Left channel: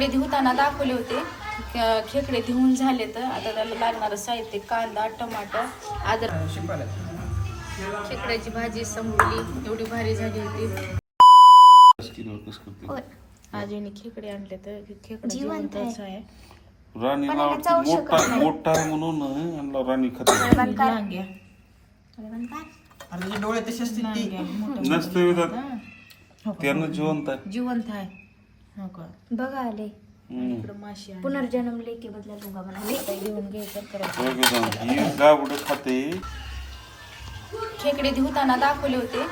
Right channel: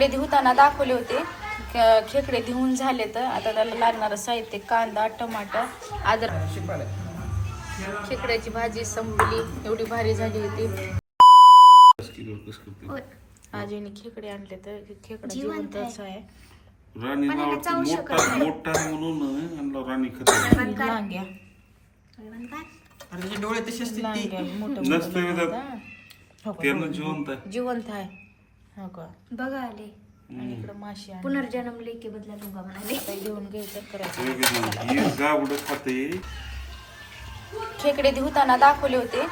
खेकडे धुताना दाखवले होते. खेकडे धुवून झाले तर आता त्याला लागणारं साहित्य कांदा, टमाटर, अद्रक. खेकड्याची भाजी संपली, एवढी भारी झाली होती. आजीने खेकडे आणले तर खेकडा जिवंतच आहे. राणी मोठा आहे म्हणून राणी खाते. लांग्या अरे डोळे तसे असतील जिवंत आहे. जिवंत आहे. हो का बघा आले आणि इकडं माशी आहे. पुनर्जन्म लेके बदला लूंगा म्हणा. आता घेऊन घ्यायचं करायचं. खाते. खेकडे धुताना दाखवले होते.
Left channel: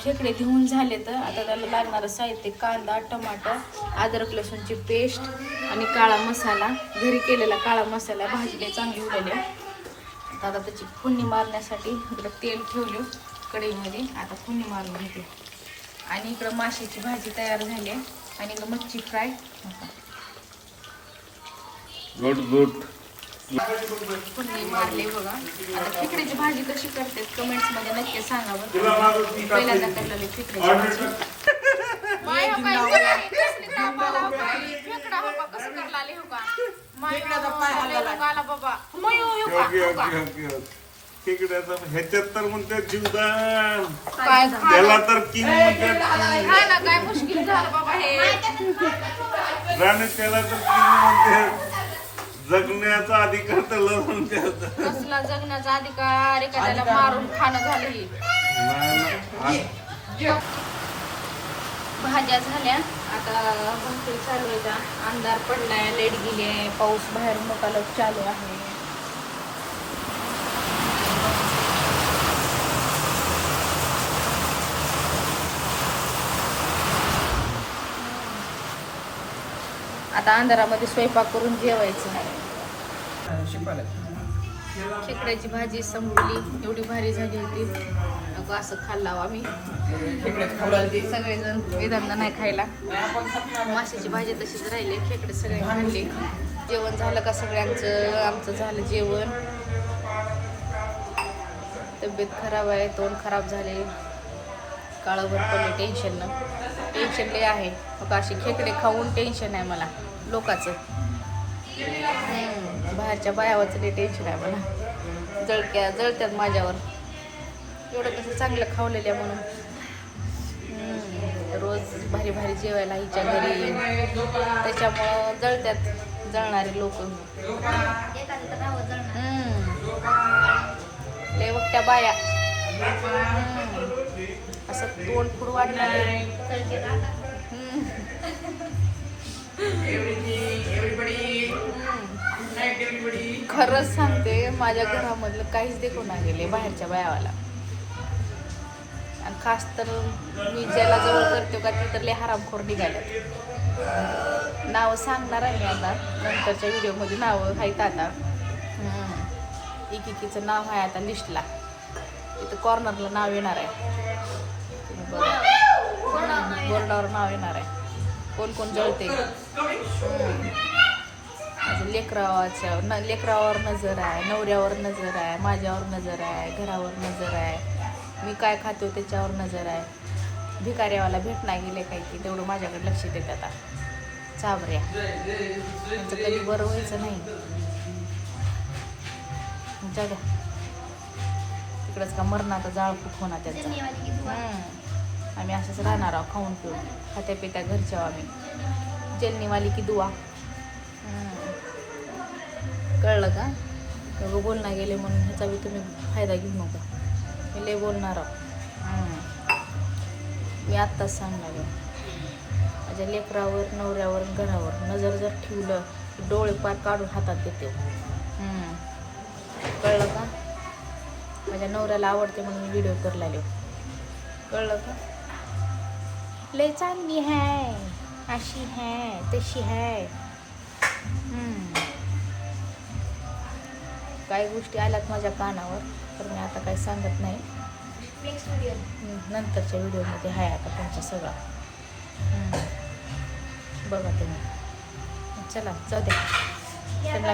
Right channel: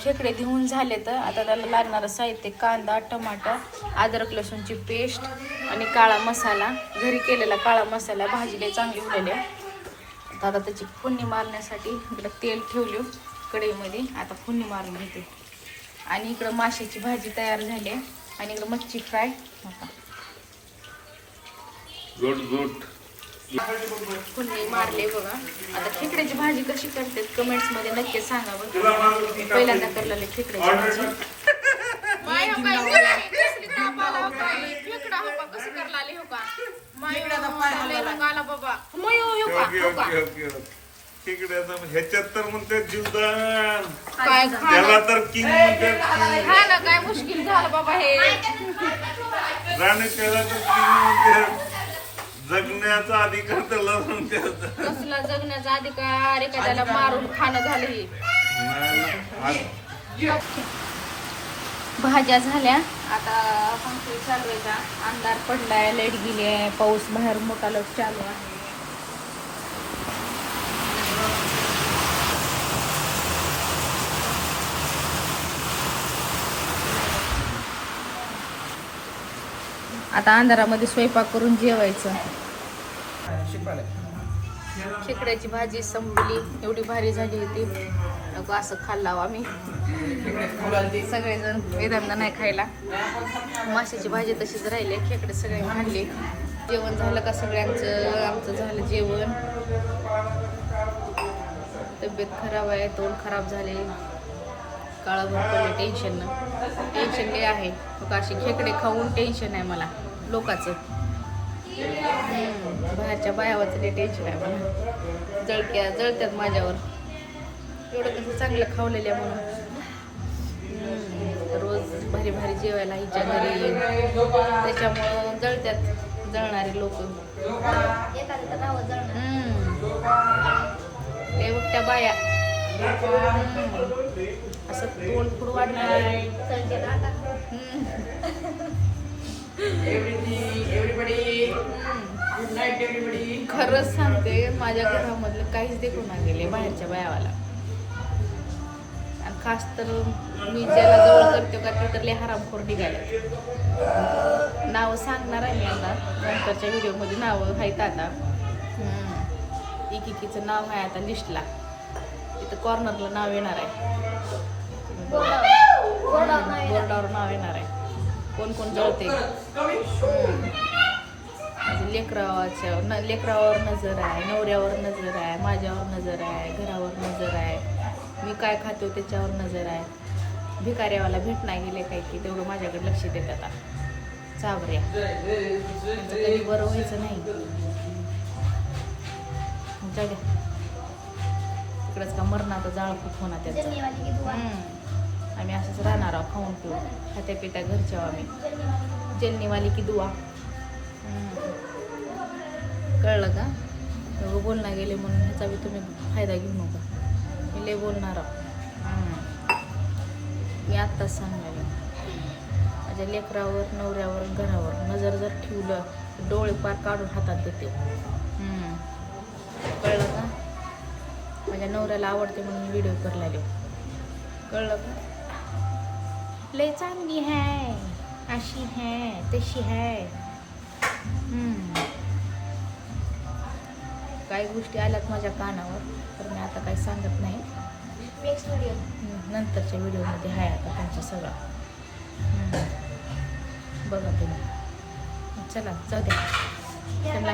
खेकडे धुवून झाले तर आता त्याला लागणारं साहित्य कांदा, टमाटर, अद्रक लसूणची पेस्ट आणि काळा मसाला. घरी केलेला काळा मसाला. भाजीला चांगली उडवली. आता त्याची फोडणी मारण्यासाठी इकडं तेल ठेवले कढईमध्ये. आता फोडणी मारून घेते. आणि इकडं माशाची भाजी तयार झाली आहे. आणि इकडं मच्छी फ्राय. फोडणी मारले बघा. आता खेकड्याची भाजी कशी करते कमेंट्स मध्ये नक्की सांगा. पहिल्यांदा करलेली खेकड्याची भाजी. ह्याच्यात तर म्हणते जीवदान काय त्याला तर किंग म्हणते. काय मुश्किल झालं बाबा हे. राणी त्याला तर किंग म्हणते. जगण्याचा अधिकार त्याला म्हणते. कसला जगण्याचा अधिकार एखाद्याला मारून खाणं झालं हे. भाज्या झाल्या. आता पंखी चालवायचा. अंधार पडलाय, लाईट गेली आहे, पाऊस बाहेर मोठा लट चालू आहे. आता अंधारामध्ये स्वयंपाक करून जेवायचं. खेकड्याची भाजी संपली, एवढी भारी झाली होती. नको असं खाल्लावं आम्ही सगळेजण. वेदांना नाही खायला. माशाची भाजी तशीच राहिली. खेकडे सगळे खाल्ले. जेवण झालं का सगळ्यांचं? आमचं झालं जेवण. तब्येत खराब आहे, तोंड खराब झाले, काळभर पडले. टेन्शन लय आहे. मग अशी खेकडे खाऊन टेन्शन आहे मला लोकांचं. बाहेरच्या बायावरचं लय टेन्शन आहे मला. जळत्यात माझ्यावर. एवढं कसं चांगलं खावलेलं आहे म्हणून. रोज भारी भारी जेवायला हिच्या घरी. त्याच्यामुळं जळणारे लोक. लय बघत्या बाया. असं तोंड फुड वाढणार. खरंच सांगते, माझ्या घरामधलं काहीच देखून नाही गेले बाहेरच्या बायावाला. आणि खास तर मी ज्याला जवळ करते का ती तर लय हरामखोर निघाल्यात. नावं सांगणार आहे मी आता नंतरच्या व्हिडिओमध्ये. नावं आहेत आता. एकीचं नाव आहे आता लिस्टला. इथं कॉर्नरला नाव येणार आहे. बघा बोर्डावर नाव येणार आहे. कोण कोण जळते. लेकरावर नजर आहे, नवऱ्यावर नजर आहे, माझ्यावर नजर आहे, घरावर नजर आहे, मी काय खातो त्याच्यावर नजर आहे. भिकाऱ्यावाला भेट नाही गेले काय की तेवढं माझ्याकडे लक्ष देत. आता चाबऱ्या त्यांचं कधी बरं व्हायचं नाही. जाऊ द्या तिकडंच का मरणाचा जाळ खूप होणार त्यांचा. आम्ही असंच राहणार आहोत खाऊन पिऊन. खात्या पित्या घरच्या आम्ही. जेलनीवाली की दुआ. कळलं का? एवढं बोलणं गेले म्हणून ह्याचा बी तुम्ही फायदा घेऊ नका. मी लय बोलणार आहो. मी आत्ताच सांगणार आहे. माझ्या लेकरावर, नवऱ्यावर, घरावर नजर जर ठेवलं डोळे पार काढून हातात देते. कळलं का? माझ्या नवऱ्याला आवडते म्हणून मी व्हिडिओ करायला आलो. कळलं का? लय चांगली है, अशी है, तशी है. काही गोष्टी आल्यात माझ्या कानावर तर मी आता काही सांगत नाही. नेक्स्ट व्हिडिओ नंतरच्या व्हिडिओमध्ये आहे आता तुमचं सगळं. बघा तुम्ही. चला जाऊ द्या. त्यांना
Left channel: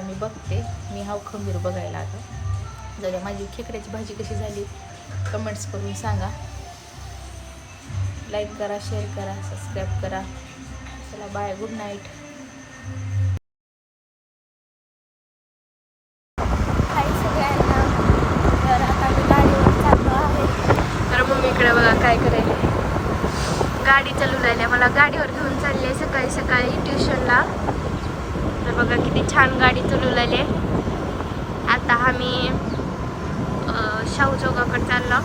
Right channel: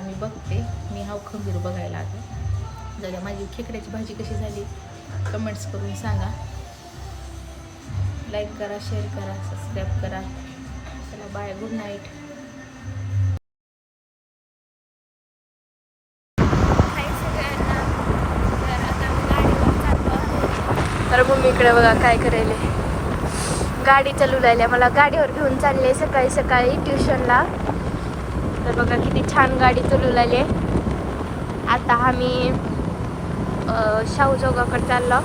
मी बघते. मी हाव खंबीर बघायला आता. जाऊ द्या. माझी खेकड्याची भाजी कशी झाली कमेंट्स करून सांगा. लाईक करा, शेअर करा, सबस्क्राईब करा. चला बाय, गुड नाईट. हाय सगळ्यांना. तर आता मी गाडीवर चाललो आहे. तर मम्मीकडे बघा काय करेल. गाडी चालू राहिली, मला गाडीवर घेऊन चालले सकाळी सकाळी ट्युशनला. तर बघा किती छान गाडी चालू राहिली. आता आम्ही शाहू चौकाकडे चाललो.